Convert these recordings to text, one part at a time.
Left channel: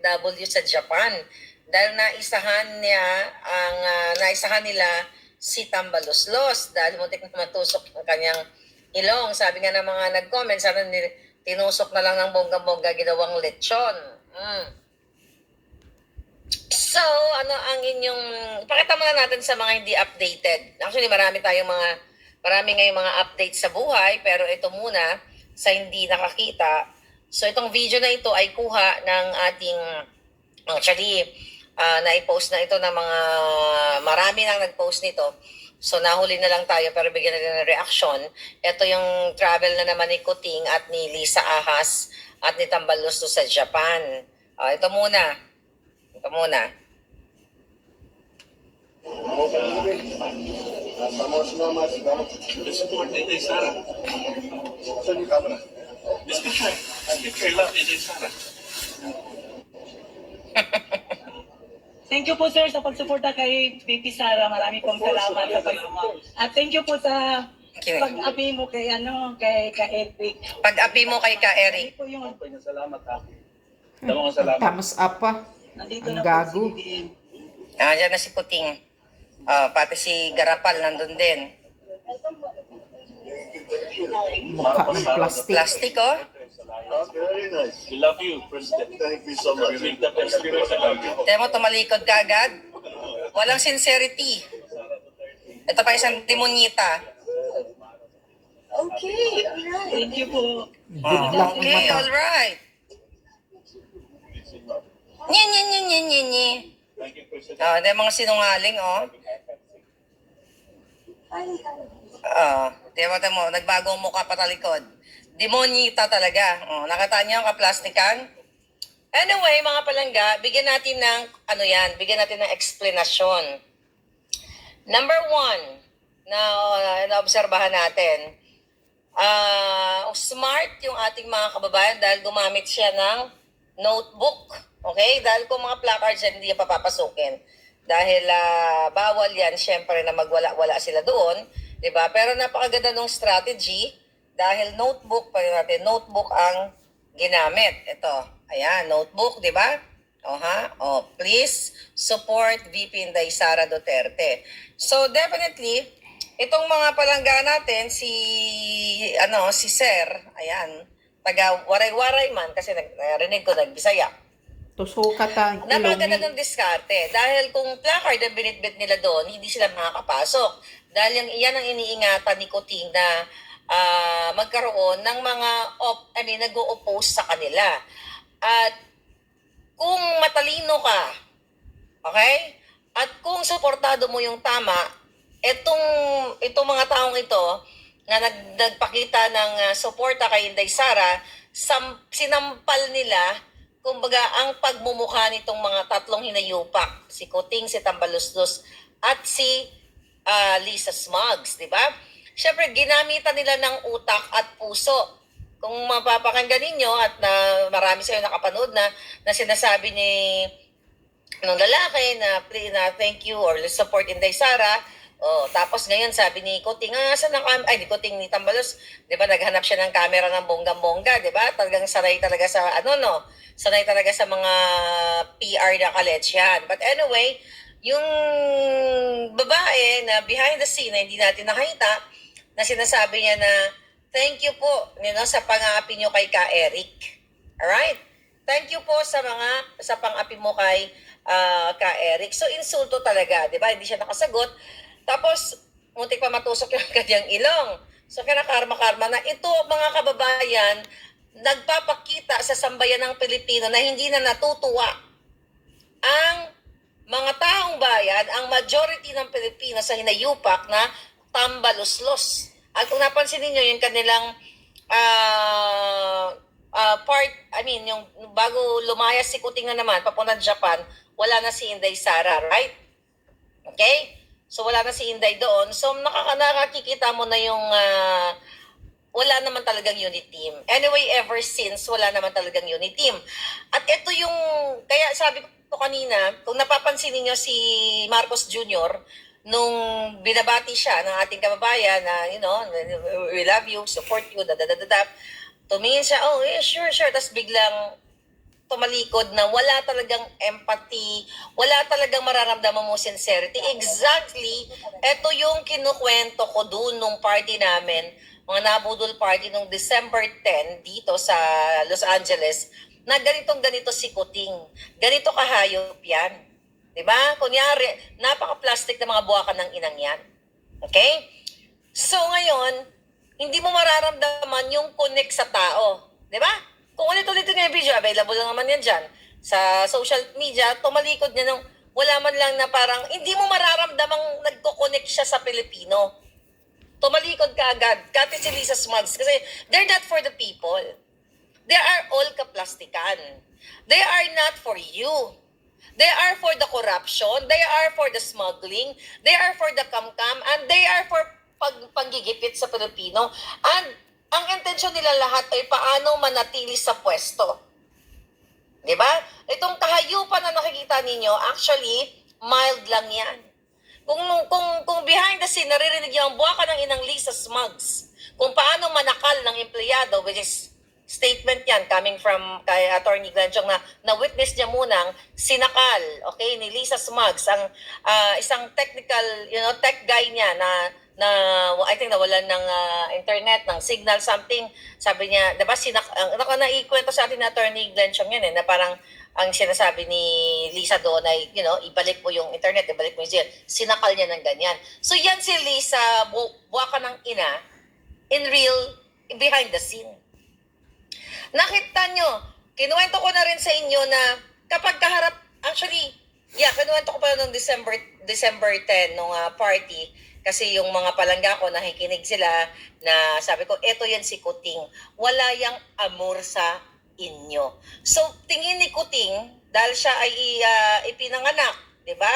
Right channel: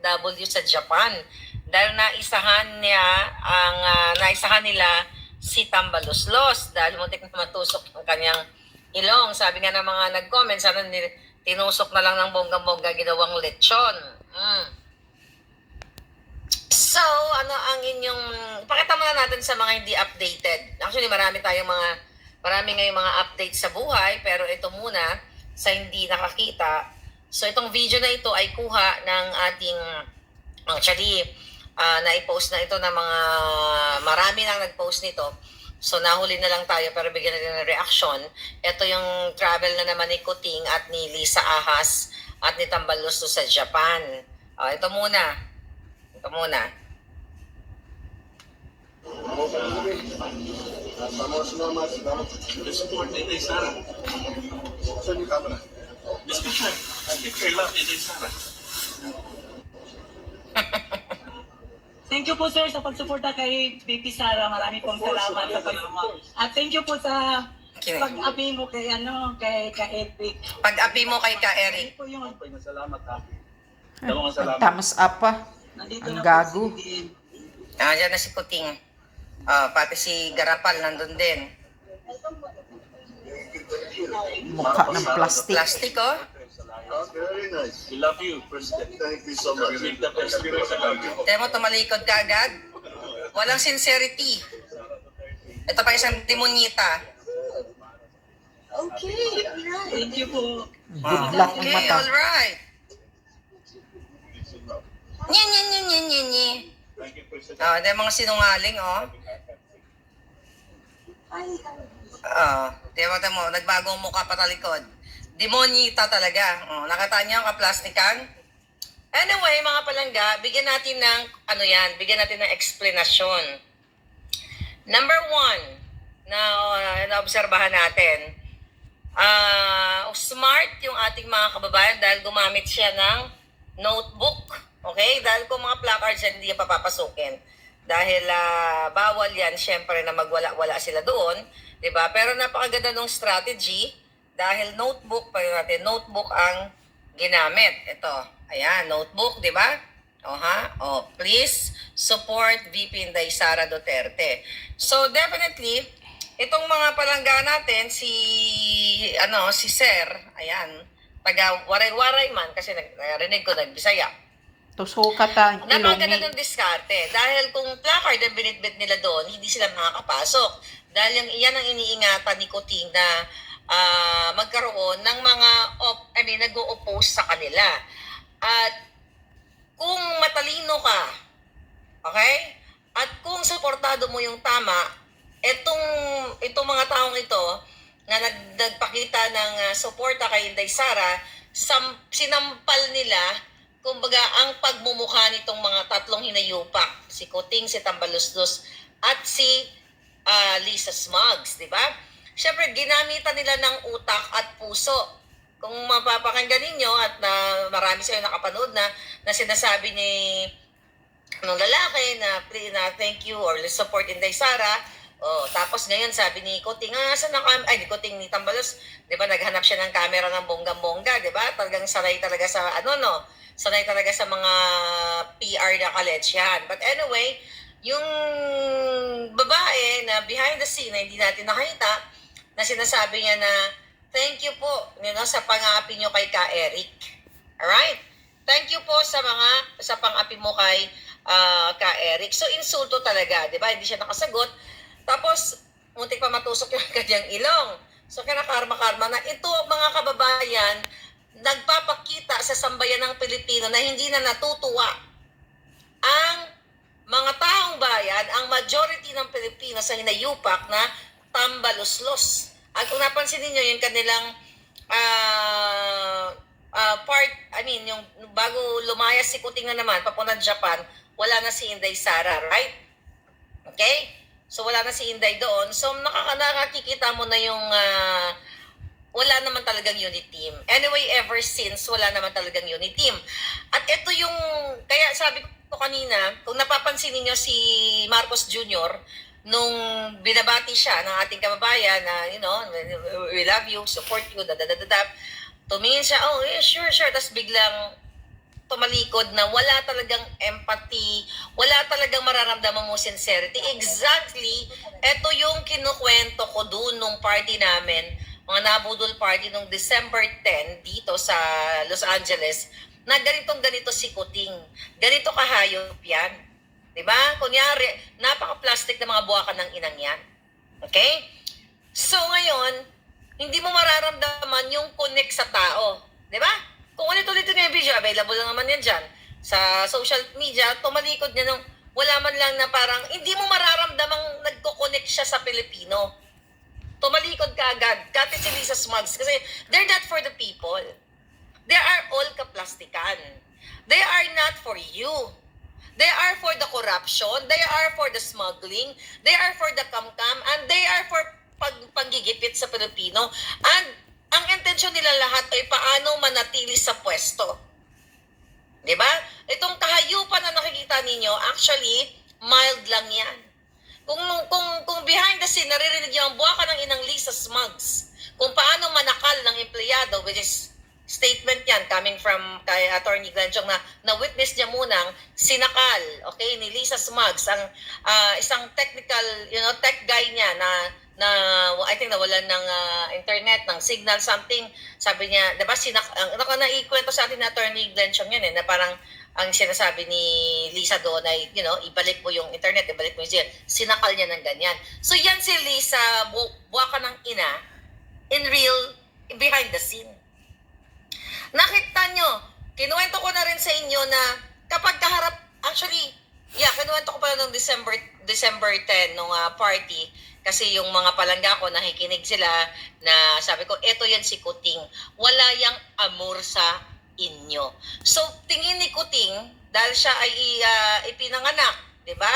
OFW sa Japan dahil naisahan nila si Tambaluslos dahil muntik na matusok ang kanyang ilong. Sabi nga ng mga nag-comment, sana tinusok na lang ng bonggang-bongga ginawang lechon. So, ano ang inyong, pakita muna natin sa mga hindi updated. Actually, marami ngayong mga updates sa buhay, pero ito muna sa hindi nakakita. So, itong video na ito ay kuha ng ating, actually, na-post na ito ng marami nang nag-post nito. So, nahuli na lang tayo pero bigyan natin ng reaction. Ito yung travel na naman ni Kuting at ni Lisa Ahas at ni Tambaluslos sa Japan. Ito muna. Support Inday Sara. Saan yung camera? Speaker lang, Inday Sara. Thank you po sir sa pagsuporta kay BP Sara. Marami pong salamat sa pag-support. At thank you po sa pag-api mo kay Eric. Pag-api mo kay Ka Eric. Po yung Salamat ha. Thumbs up pa. nandito Ang na gago. po si Diyan na si Kuting. Pati si Garapal nandun din. Mukha ng plastic. Plastic, oh. Very nice. We love you, President. Thank you so much. With the best spirit I love you. Tiyan mo, tumalikod ka agad. Walang sincerity. Ito pa isang demonyita. Okay, thank you po. Good luck ang Okay, mata. alright. Nye. Thank you, President. Hindi mga sinungaling, oh. Tiyan mo, nagbagong mukha pa talikod. Demonyita talaga. Nakita niyo ang kaplastikan? Anyway, mga palangga, bigyan natin ng explanation. Number 1, na naobserbahan natin, smart yung ating mga kababayan dahil gumamit siya ng notebook. Okay? Dahil kung mga placards yan, hindi yan papapasukin. Dahil bawal yan, syempre, na magwala-wala sila doon. Diba? Pero napakaganda ng strategy dahil notebook ang ginamit. Ito, ayan, notebook, di ba? Please support VP Inday Sara Duterte. So definitely, itong mga palangga natin, si Sir, ayan, taga Waray-Waray man, kasi narinig ko, nagbisaya. Tusuka ta. Napaganda Ilongin. ng diskarte. Dahil kung placard ang binitbit nila doon, hindi sila makakapasok. Dahil yan ang iniingatan ni Kuting na magkaroon ng mga nag-o-oppose sa kanila. At kung matalino ka, okay? At kung suportado mo yung tama, itong mga taong ito na nagpakita ng suporta kay Inday Sara, sinampal nila, kumbaga, ang pagmumukha nitong mga tatlong hinayupak, si Kuting, si Tambaluslos, at si Lisa Smugs, di ba? Siyempre, ginamitan nila ng utak at puso. Kung mapapakinggan ninyo at marami sa inyo nakapanood na sinasabi ng lalaki na thank you or let's support Inday Sara. Tapos ngayon sabi ni Kuting, ni Kuting ni Tambalos, 'di ba, naghanap siya ng camera ng bonggang-bongga, 'di ba? Talagang sanay talaga sa sanay talaga sa mga PR na kaletsyan. But anyway, yung babae na behind the scene na hindi natin nakita, na sinasabi niya na thank you po sa pang-aapi nyo kay Ka Eric. Alright? Thank you po sa pang-api mo kay Ka Eric. So insulto talaga, 'di ba? Hindi siya nakasagot. Tapos muntik pa matusok yung kanyang ilong. So kinakarma-karma na ito, mga kababayan, nagpapakita sa sambayan ng Pilipino na hindi na natutuwa ang mga taong bayan, ang majority ng Pilipino sa hinayupak na Tambaluslos. At kung napansin niyo yung kanilang yung bago lumayas si Kuting na naman, papunta Japan, wala na si Inday Sara, right? Okay? So wala na si Inday doon. So nakakikita mo na yung wala naman talagang unit team. Anyway, ever since, wala naman talagang unit team. At ito yung, kaya sabi ko kanina, kung napapansin niyo si Marcos Jr., nung binabati siya ng ating kababayan na, we love you, support you, tumingin siya, sure, tapos biglang tumalikod na wala talagang empathy, wala talagang mararamdaman mo sincerity. Exactly, ito yung kinukwento ko doon nung party namin, mga nabudol party nung December 10 dito sa Los Angeles, na ganito si Kuting. Ganito kahayop yan. Diba? Kunyari, napaka-plastic na mga buwakan ng inang yan. Okay? So ngayon, hindi mo mararamdaman yung connect sa tao. Diba? Kung ulit-ulit yung video, available lang naman yan dyan. Sa social media, tumalikod niya nung wala man lang na parang, hindi mo mararamdamang nagko-connect siya sa Pilipino. Tumalikod ka agad. Kati si Lisa Smugs. Kasi they're not for the people. They are all kaplastikan. They are not for you. They are for the corruption. They are for the smuggling. They are for the kamkam. And they are for paggigipit sa Pilipino. And ang intensyon nila lahat ay paano manatili sa pwesto. Diba? Itong kahayupan na nakikita ninyo, actually, mild lang yan. Kung behind the scene, naririnig nyo ang buwaka ng inang Lisa Smugs, kung paano manakal ng empleyado, which is statement yan coming from kay Attorney Glenchong na witness niya munang sinakal, okay, ni Lisa Smugs, ang isang technical, tech guy niya na I think nawalan ng internet, ng signal, something. Sabi niya, diba, naikwento sa atin na Attorney Glenchong yan na parang ang sinasabi ni Lisa doon ay, ibalik mo yung internet, ibalik mo yung signal. Sinakal niya ng ganyan. So yan si Lisa, buwaka ng ina, in real, behind the scene. Nakita nyo, kinuwento ko na rin sa inyo na kapag kaharap, actually, kinuwento ko pa nung December 10 nung party, kasi yung mga palangga ko, nakikinig sila na sabi ko, eto yan si Kuting. Wala yang amor sa inyo. So, tingin ni Kuting, dahil siya ay ipinanganak, di ba?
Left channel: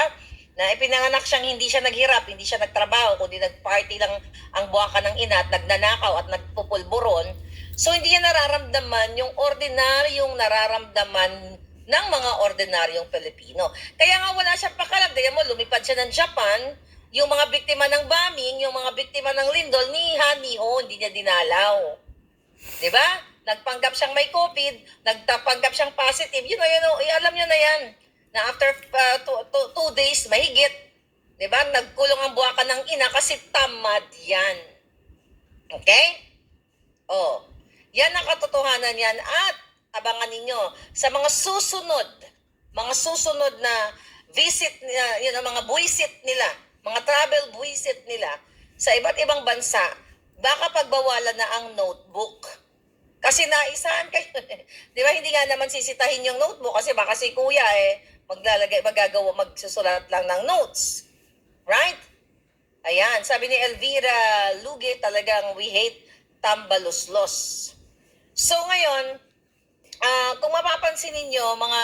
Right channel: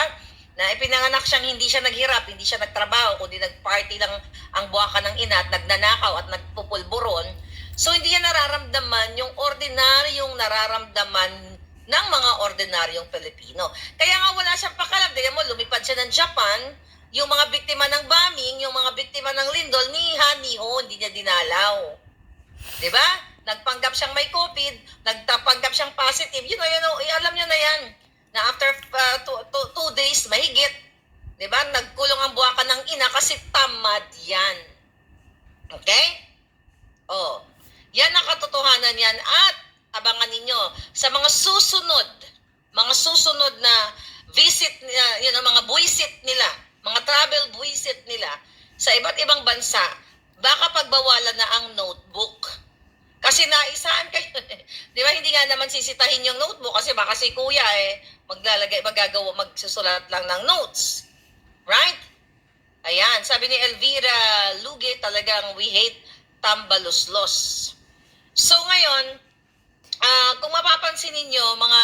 Na ipinanganak siyang hindi siya naghirap, hindi siya nagtrabaho, kundi nagparty lang ang buwaka ng ina at nagnanakaw at nagpupulburon. So, hindi niya nararamdaman yung ordinaryong nararamdaman ng mga ordinaryong Pilipino. Kaya nga wala siyang pakalam. Dahil mo, lumipad siya ng Japan, yung mga biktima ng bombing, yung mga biktima ng lindol, niha-niho, hindi niya dinalaw. Diba? Nagpanggap siyang may COVID, nagpanggap siyang positive. Alam niyo na yan. Na after 2 days, mahigit. Diba? Nagkulong ang buwakan ng ina kasi tamad yan. Okay? Oh. Yan ang katotohanan yan. At abangan ninyo sa mga susunod na visit, mga buwisit nila, mga travel buwisit nila sa iba't ibang bansa, baka pagbawalan na ang notebook. Kasi naisahan kayo. Di ba, hindi nga naman sisitahin yung notebook kasi baka si kuya magsusulat lang ng notes. Right? Ayan, sabi ni Elvira Luge, talagang we hate tambaluslos. So ngayon, kung mapapansin ninyo, mga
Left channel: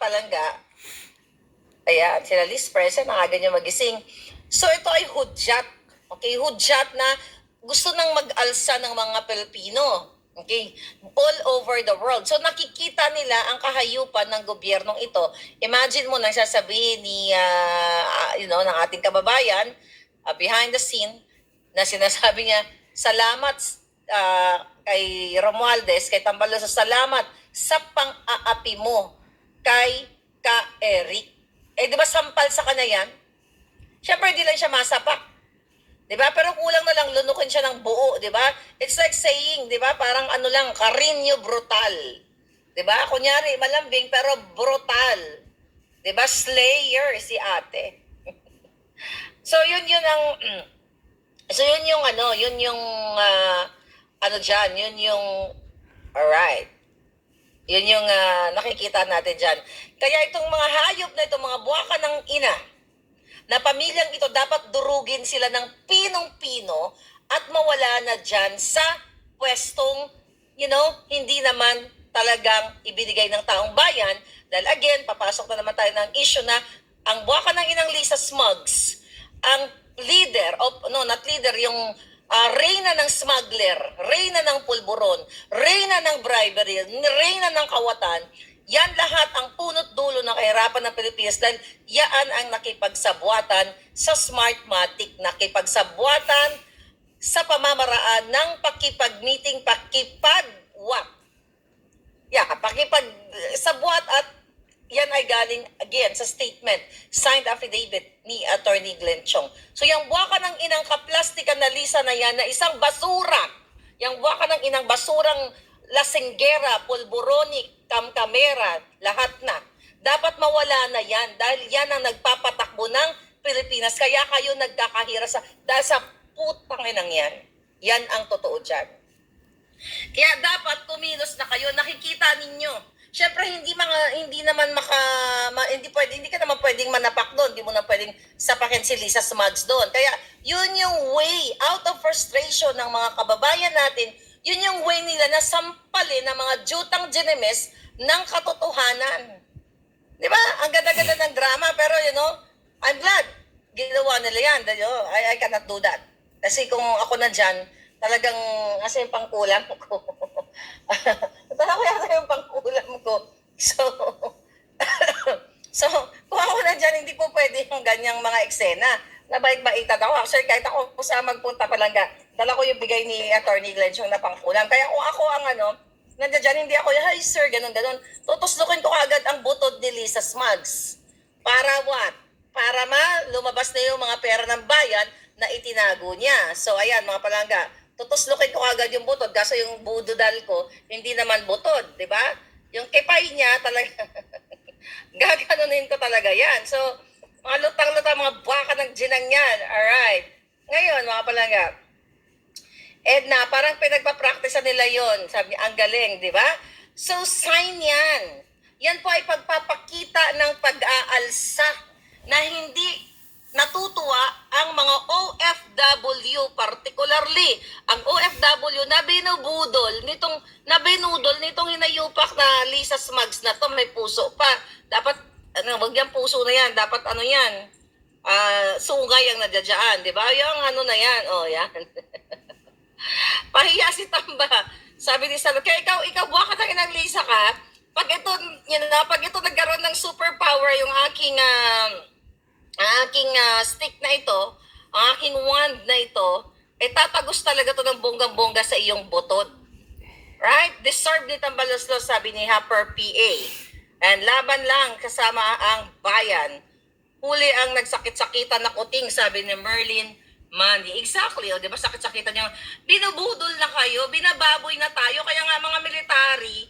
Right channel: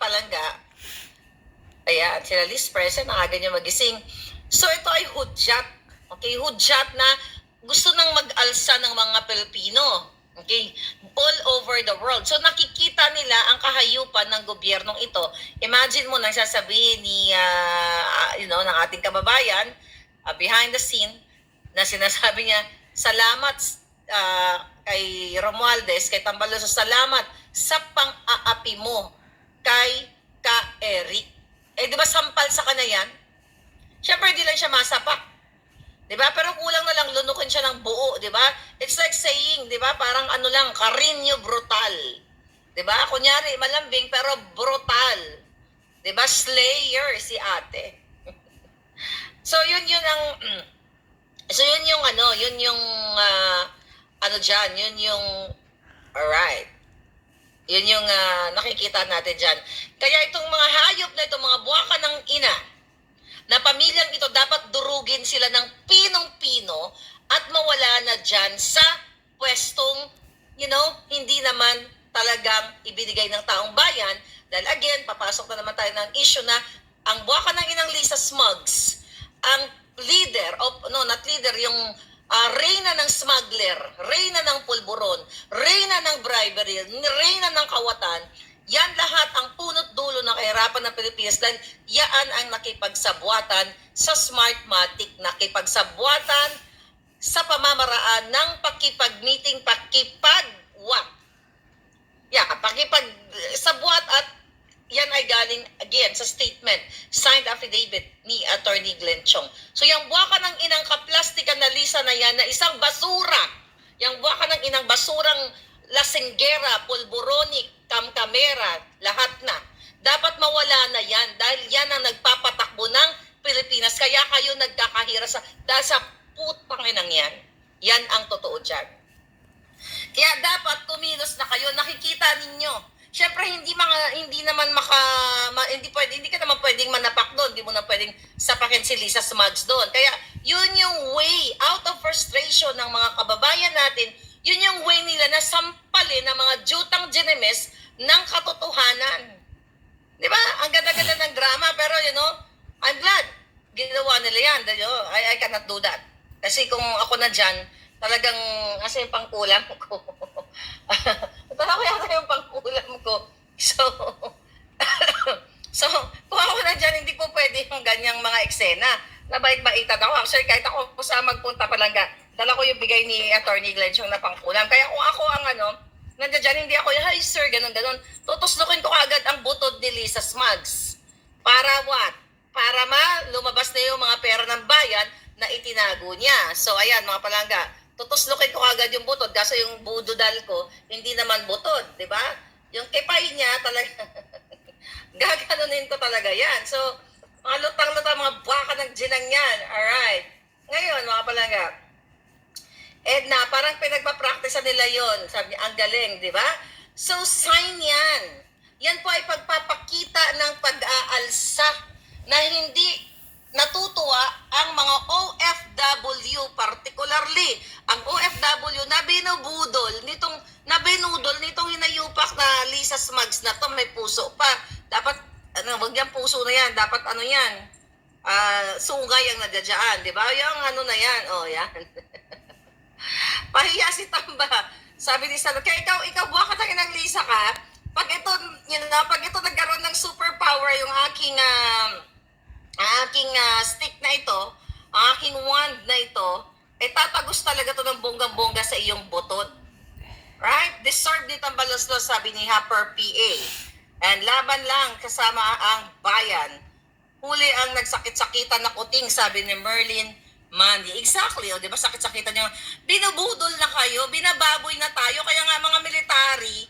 palangga, ayan, sila Liz present, ang aga niya magising. So ito ay hudyat. Okay, hudyat na gusto nang mag-alsa ng mga Pilipino. Okay, all over the world. So nakikita nila ang kahayupan ng gobyernong ito. Imagine mo nang sasabihin ni, ng ating kababayan, behind the scene, na sinasabi niya, salamat kay Romualdez, kay Tambaluso, salamat sa pang-aapi mo kay Ka-Eric. Di ba sampal sa kanya yan? Siyempre, di lang siya masapak. Di ba? Pero kulang na lang lunukin siya ng buo, di ba? It's like saying, di ba? Parang Carino brutal. Di ba? Kunyari, malambing pero brutal. Di ba? Slayer si ate. So, yun alright. Yun yung nakikita natin dyan. Kaya itong mga hayop na itong mga buwaka ng ina, na pamilyang ito dapat durugin sila ng pinong-pino at mawala na dyan sa pwestong, hindi naman talagang ibinigay ng taong bayan. Dahil again, papasok na naman tayo ng issue na ang buwaka ng inang Lisa Smugs, ang leader, yung reyna ng smuggler, reyna ng pulburon, reyna ng bribery, reyna ng kawatan, yan lahat ang punot dulo ng kahirapan ng Pilipinas dahil yan ang nakipagsabwatan sa Smartmatic, nakipagsabwatan sa pamamaraan ng pakipag-meeting, sabwat at yan ay galing again sa statement, signed affidavit ni Attorney Glenn Chong. So yung buwaka ng inang kaplastika na Lisa na yan na isang basura, yung buwaka ng inang basurang lasinggera, pulboronic, kamkamera, lahat na. Dapat mawala na yan dahil yan ang nagpapatakbo ng Pilipinas. Kaya kayo nagkakahira dahil sa putang inang yan. Yan ang totoo dyan. Kaya dapat kumilos na kayo, nakikita ninyo. Siyempre hindi ka naman pwedeng manapak doon, hindi mo na pwedeng sapakin si Lisa Smugs doon. Kaya yun yung way out of frustration ng mga kababayan natin, yun yung way nila na sampalin ng mga jutang ginemes ng katotohanan. Di ba? Ang ganda-ganda ng drama, pero I'm glad ginawa nila yan. I cannot do that. Kasi kung ako na dyan, talagang, kasi yung pangkulam ko. Talaga yung pangkulam ko. So, kung ako na dyan, hindi po pwede yung ganyang mga eksena. Nabait-baitan ako. Actually, kahit ako sa magpunta palangga, dala ko yung bigay ni Attorney Glenn yung na pangkulam. Kaya kung ako ang nandiyan dyan, hindi ako, hi sir, ganun-ganun. Tutuslukin ko agad ang butod ni Lisa Smugs. Para what? Para lumabas na yung mga pera ng bayan na itinago niya. So, ayan, mga palangga, tutuslukin ko agad yung butod kasi yung budodal ko, hindi naman butod, di ba? Yung kipay niya, talaga, gaganunin ko talaga yan. So, mga lutang-lutang, mga baka ng ginang yan. Alright. Ngayon, mga palangga, Edna, parang pinagpapractice nila yon. Sabi niya, ang galing, di ba? So, sign yan. Yan po ay pagpapakita ng pag-aalsa na hindi natutuwa ang mga OFW, particularly ang OFW na binudol nitong hinayupak na Lisa Smugs na to, may puso pa. Dapat, wag yung puso na yan, dapat yan, sungay ang nadyadyaan, di ba? Yung na yan, yan. Pahiya si Tamba. Sabi ni Salo, kaya ikaw buha ka tayo ng Lisa ka, pag ito nagkaroon ng superpower yung aking stick na ito, ang aking wand na ito, tatagos talaga to ng bonggang-bongga sa iyong butod. Right? Deserve ni Tambaloslos, sabi ni Happer PA. And laban lang kasama ang bayan. Huli ang nagsakit-sakitan na kuting, sabi ni Merlin Mandy. Exactly, di ba? Sakit-sakitan niya. Binubudol na kayo, binababoy na tayo. Kaya nga mga military,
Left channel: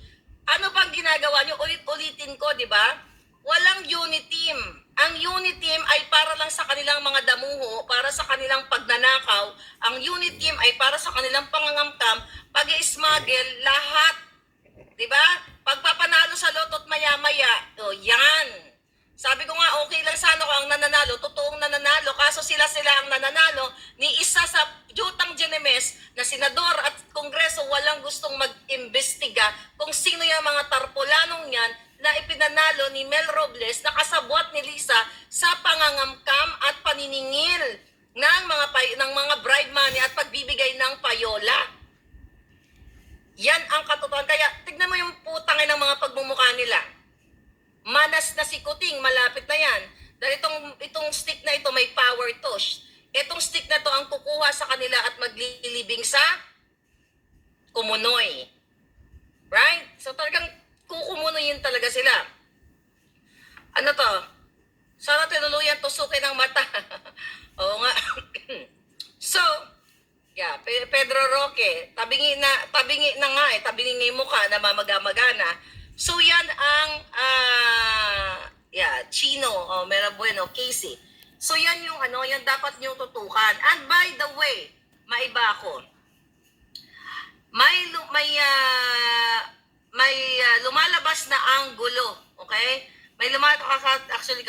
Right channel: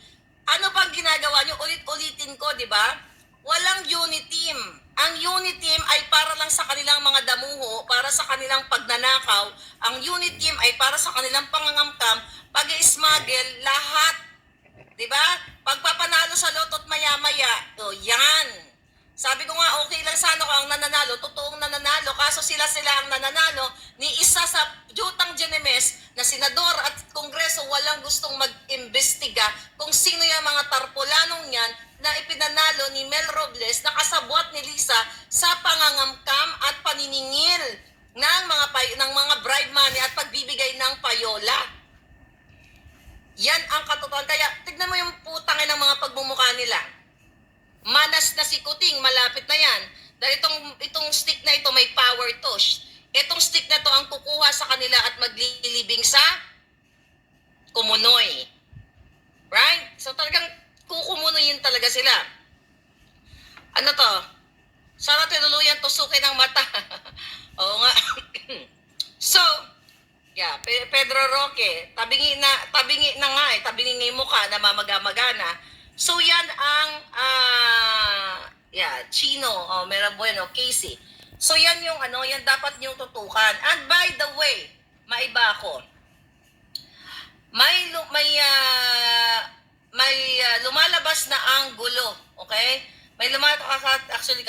ano pang ginagawa niyo? Ulit-ulitin ko, di ba? Walang unit team. Ang unit team ay para lang sa kanilang mga damuho, para sa kanilang pagnanakaw. Ang unit team ay para sa kanilang pangangamkam, pag-i-smuggle, lahat. Diba? Pagpapanalo sa loto't maya-maya, yan. Sabi ko nga, okay lang sana ko ang nananalo, totoong nananalo, kaso sila ang nananalo ni isa sa jutang ginemes na senador at kongreso walang gustong mag-imbestiga kung sino yung mga tarpulanong yan na ipinanalo ni Mel Robles na kasabwat ni Lisa sa pangangamkam at paniningil ng mga bribe money at pagbibigay ng payola. Yan ang katotohanan. Kaya tignan mo yung putangin ng mga pagmumukha nila. Manas na si Kuting, malapit na yan. Dahil itong stick na ito may power to. Itong stick na to ang kukuha sa kanila at maglilibing sa kumunoy. Right? So talagang kukumunoyin talaga sila. Ano to? Sana tinuluyan tusukin ng mata. Oo nga. So, yeah, Pedro Roque, tabingi na nga tabingi mo ka na mamagana. So yan ang Chino, Mera Bueno, Casey. So yan yung yan dapat niyong tutukan. And by the way, maiba ako. May lumalabas na anggulo, okay? May actually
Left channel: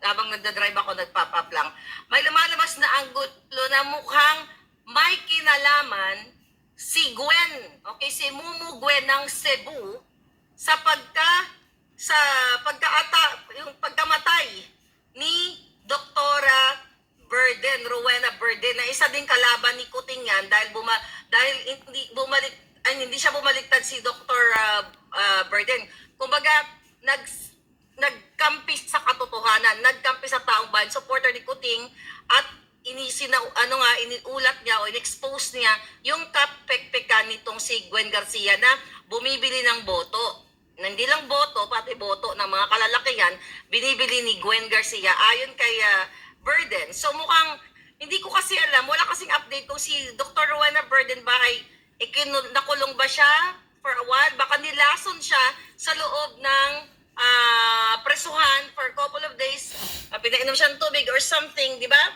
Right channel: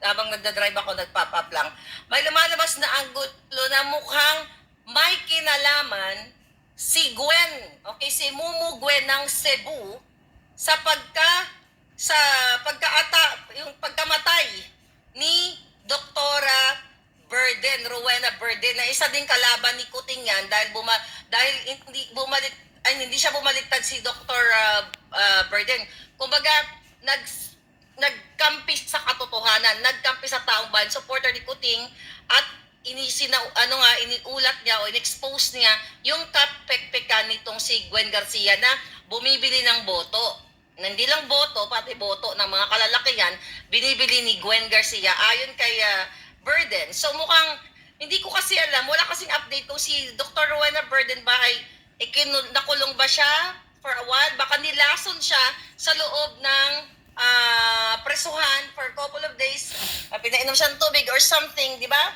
habang nagda-drive ako, nagpop-up lang. May lumalabas na anggulo na mukhang may kinalaman si Gwen, okay, si Mumu Gwen ng Cebu sa yung pagkamatay ni Doktora Burden, Rowena Burden, na isa din kalaban ni Kuting yan dahil hindi siya bumaliktad si Dr. Burden. Kumbaga, nagkampi sa katotohanan, nagkampi sa taong bayan, supporter ni Kuting, at iniulat niya o in-expose niya yung kapekpekan nitong si Gwen Garcia na bumibili ng boto. na hindi lang boto, pati boto ng mga kalalakihan, binibili ni Gwen Garcia ayon kay Burden. So mukhang, hindi ko kasi alam, wala kasing update kung si Dr. Rowena Burden ba ay nakulong ba siya for a while. Baka nilason siya sa loob ng presuhan for a couple of days, pinainom siya ng tubig or something, di ba?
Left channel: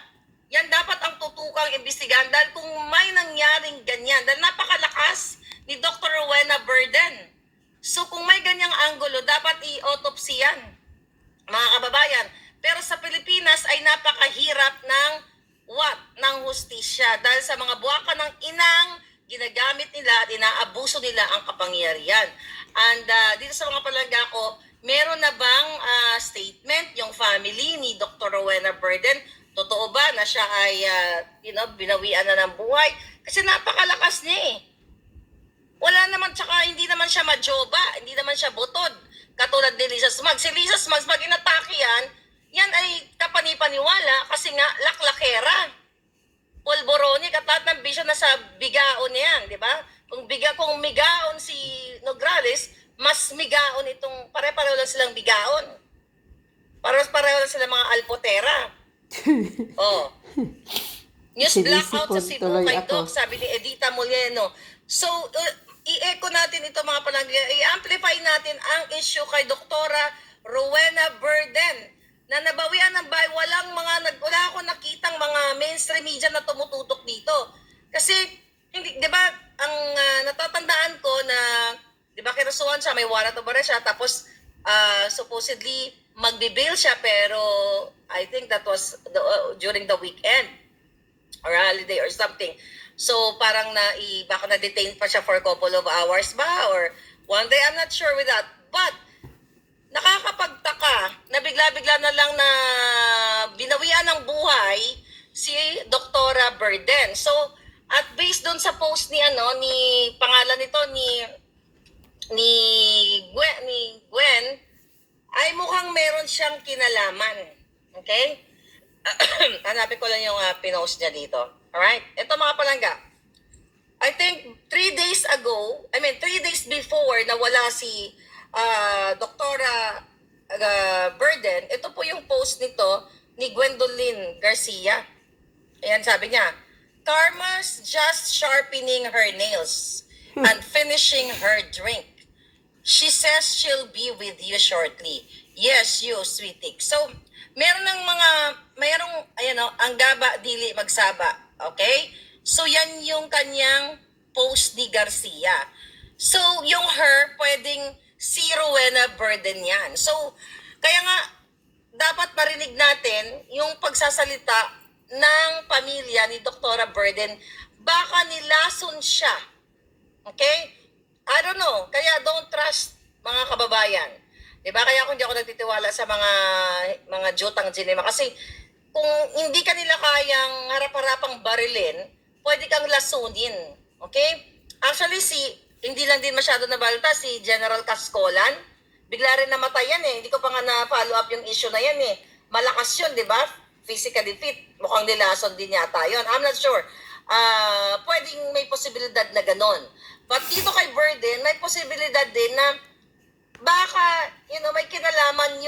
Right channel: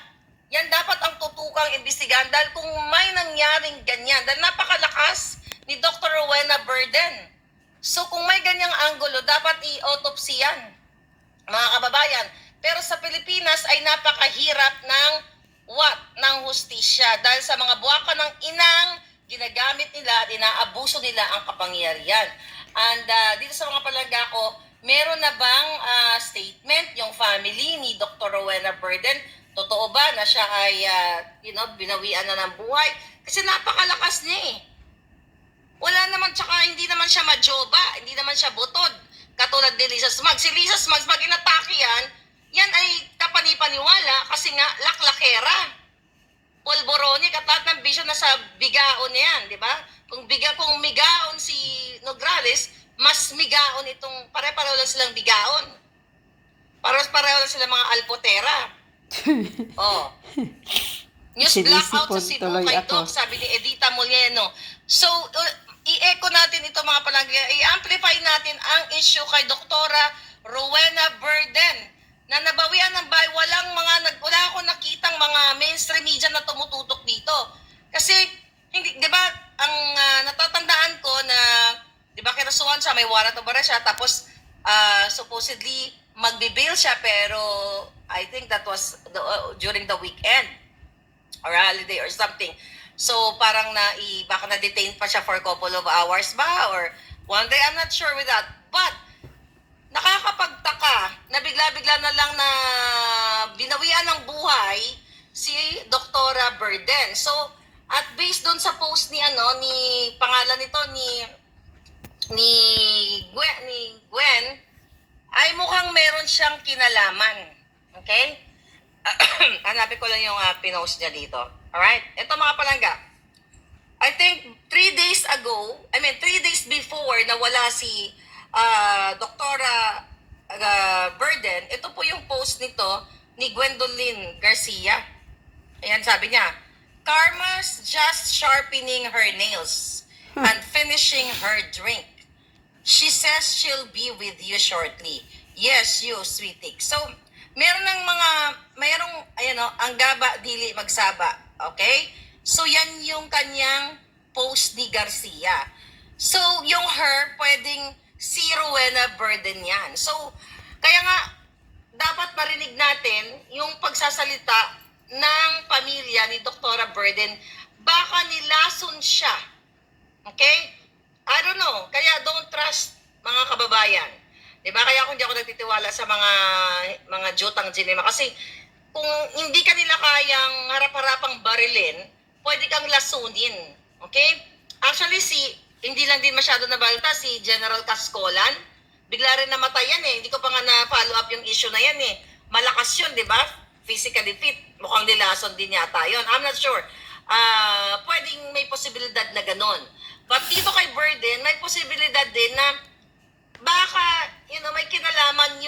Yan dapat ang tutukang imbestigahan dahil kung may nangyaring ganyan, dahil napakalakas ni Dr. Rowena Burden. So kung may ganyang anggulo, dapat i-autopsy yan, mga kababayan. Pero sa Pilipinas ay napakahirap ng hustisya dahil sa mga buwaka ng inang ginagamit nila at inaabuso nila ang kapangyarihan. And dito sa mga palangga ko, meron na bang statement yung family ni Dr. Rowena Burden? Totoo ba na siya ay binawian na ng buhay? Kasi napakalakas niya eh. Wala naman, tsaka hindi naman siya majoba, hindi naman siya butod. Katulad ni Lisa Smugs. Si Lisa Smugs, pag inatake yan ay kapanipaniwala kasi nga laklakera. Polboronic at lahat ng bisyo nasa bigaon yan, di ba? Kung migaon si Nograles, mas migaon itong, pare-pareho lang silang bigaon. Pareho lang silang mga alpotera. Oh. News blackout sa Cebu Sinisipon tuloy kay ako. Doc, sabi ni Edita Moleno. So, i-echo natin ito mga palangga, i-amplify natin ang issue kay Doktora Rowena Burden na nabawian ng bahay. Wala akong nakitang mga mainstream media na tumututok dito. Kasi, hindi, di ba, ang natatandaan ko na, di ba, kinasuhan siya, may warrant of arrest siya, tapos supposedly magbe-bail siya, pero I think that was during the weekend or holiday or something. So parang baka na-detain pa siya for a couple of hours ba or one day, I'm not sure with that. But nakakapagtaka na bigla-bigla na lang na binawian ng buhay si Doktora Burden. So at based doon sa post ni pangalan nito ni Gwen ay mukhang meron siyang kinalaman. Okay? Hanapin ko lang yung pinost niya dito. Alright? Ito mga palangga. I think 3 days before na wala si Doktora Burden, ito po yung post nito ni Gwendolyn Garcia. Ayan, sabi niya, Karma's just sharpening her nails and finishing her drink. She says she'll be with you shortly. Yes, you, sweetie. So, mayroong, ang gaba, dili magsaba. Okay? So, yan yung kanyang post ni Garcia. So, yung her, pwedeng si Rowena Burden yan. So, kaya nga, dapat marinig natin yung pagsasalita ng pamilya ni Doktora Burden. Baka nilason siya. Okay? I don't know. Kaya don't trust, mga kababayan. Diba? Kaya kung hindi ako nagtitiwala sa mga jutang ginema. Kasi kung hindi ka nila kayang harap-harapang barilin, pwede kang lasunin. Okay? Actually, hindi lang din masyado nabalita si General Cascolan. Bigla rin namatay yan eh. Hindi ko pa nga na-follow up yung issue na yan eh. Malakas yun, di ba? Physically fit. Mukhang nilason din yata yun. I'm not sure. Pwedeng may posibilidad na ganon. But dito kay Burden, may posibilidad din na baka, may kinalaman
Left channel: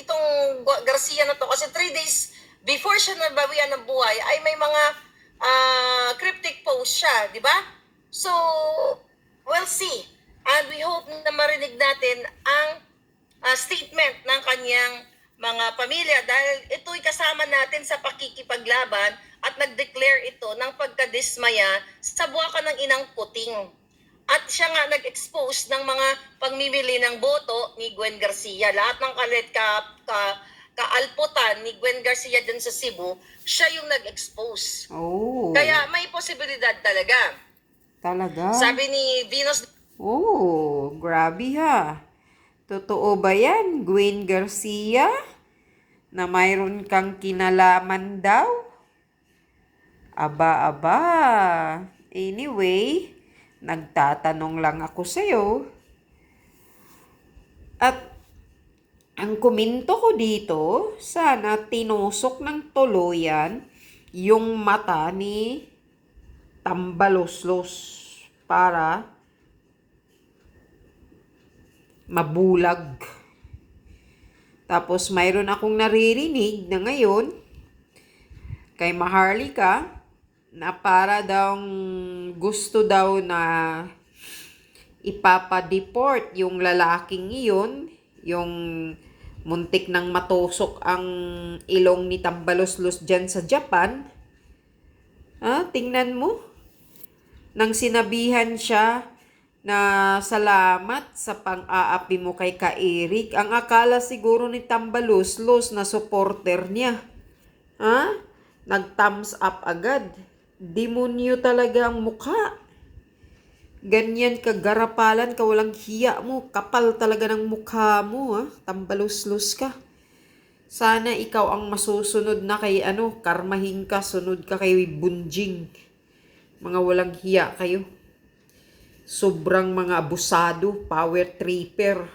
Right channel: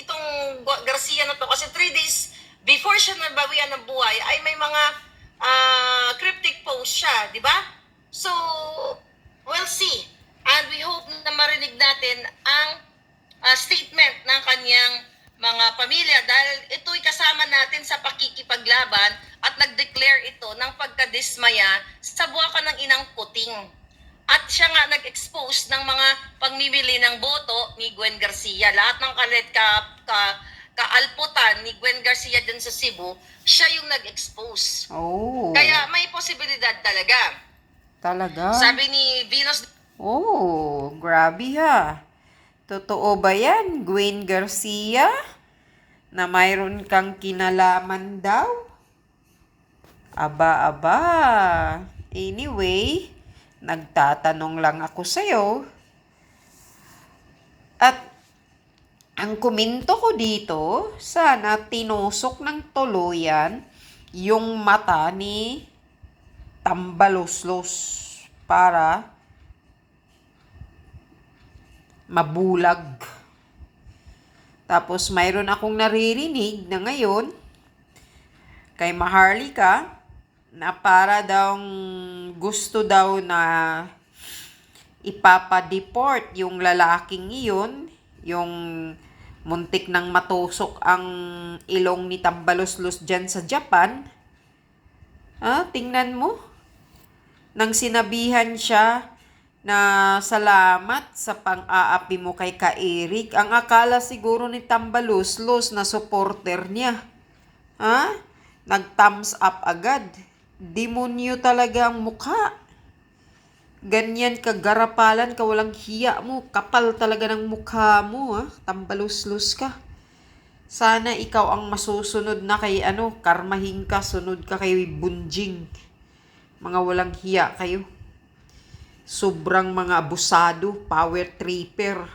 itong Garcia na to. Kasi 3 days before siya nabawian ng buhay, ay may mga cryptic post siya, di ba? So, we'll see. And we hope na marinig natin ang statement ng kanyang mga pamilya dahil ito'y kasama natin sa pakikipaglaban at nag-declare ito ng pagkadismaya sa buwaka ng inang puting. At siya nga nag-expose ng mga pagmimili ng boto ni Gwen Garcia. Lahat ng kaalputan ni Gwen Garcia dyan sa Cebu, siya yung nag-expose. Oh. Kaya may posibilidad talaga. Talaga? Sabi ni Venus... Oh, grabe ha. Totoo ba yan, Gwen Garcia? Na mayroon kang kinalaman daw? Aba. Anyway, nagtatanong lang ako sa'yo. At ang komento ko dito, sana tinusok ng tuluyan yung mata ni Tambaloslos para mabulag. Tapos mayroon akong naririnig na ngayon kay Maharlika na para daw gusto daw na ipapa-deport yung lalaking iyon, yung muntik nang matusok ang ilong ni Tambaloslos dyan sa Japan. Tingnan mo. Nang sinabihan siya na salamat sa pang-aapi mo kay Ka-Eric, ang akala siguro ni Tambaloslos na supporter niya. Nag-thumbs up agad. Demonyo talaga ang mukha. Ganyan kagarapalan ka, walang hiya mo. Kapal talaga ng mukha mo, Tambaloslos ka. Sana ikaw ang masusunod na kay karmahin ka, sunod ka kay Bunjing. Mga walang hiya kayo. Sobrang mga abusado, power tripper.